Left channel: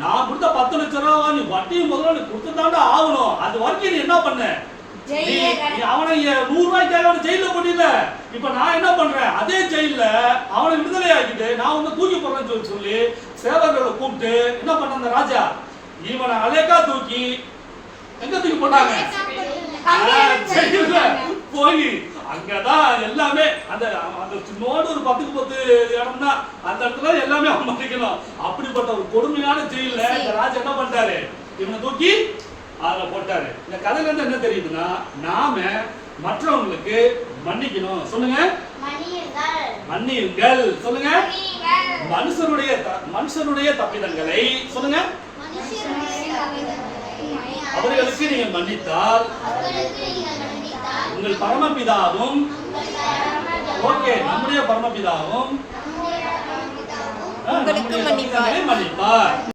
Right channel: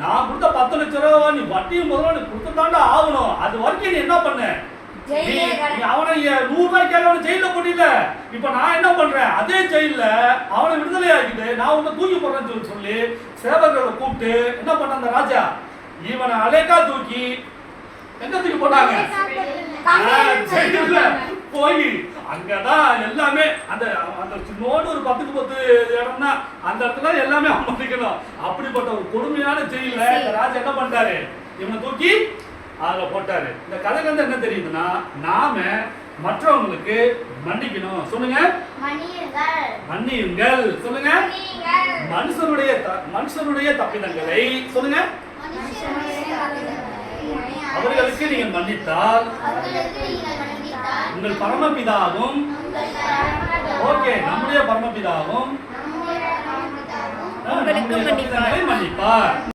நான் கொடுத்த 10 லட்சம் ரூபா நீ வட்டியும் முதல்ல நீ கொடுத்துதாண்டா ஆகணும். அது வரைக்கும் நீ என்ன பண்ண? அவனை 100 ரூபாய்க்காக அவனை ஜெயில போட்டிட்ட. இப்ப நான் என்ன பண்றேன்? அதே ஜெயில அவனை விடுதலை ஆக்கிட்டு நான் உன்னை தூக்கி போடுறேன்னு சொல்லி சேவகர்களை கூப்பிட்டு என்ன பண்ண அந்த ராஜா இவனை அலேக்கா தூக்கி எங்க தூக்கி போட்டாங்க? ஜெயில போய் அங்கதான் எல்லாமே அந்த அந்த சின்னோடு ஒரு 10க்கு 10 இடம்னா அந்த இடத்துல எல்லாமே அமர்த்திக்கணும். அப்படிப்பட்ட ஒரு கொடுமையான ஜெயில இந்த ராஜா என்ன பண்றாரு? இவனை தூக்கி அத போட்டாரு. இந்த கதையில இருந்து என்ன தெரியுதுன்னா நாம மற்றவங்களுக்கு மன்னிக்கணும். சொல்லுங்க, மன்னியுங்கள். சொல்லுங்க, மனுஷனுடைய தப்பிதங்களை சொல்லுங்க அவர்களுக்கு நீங்கள் மன்னித்தால் உங்கள் பரமபிதாவும் ஓகே நம்முடைய பரமபிதாவும் உங்களுக்கு மன்னிப்பார்.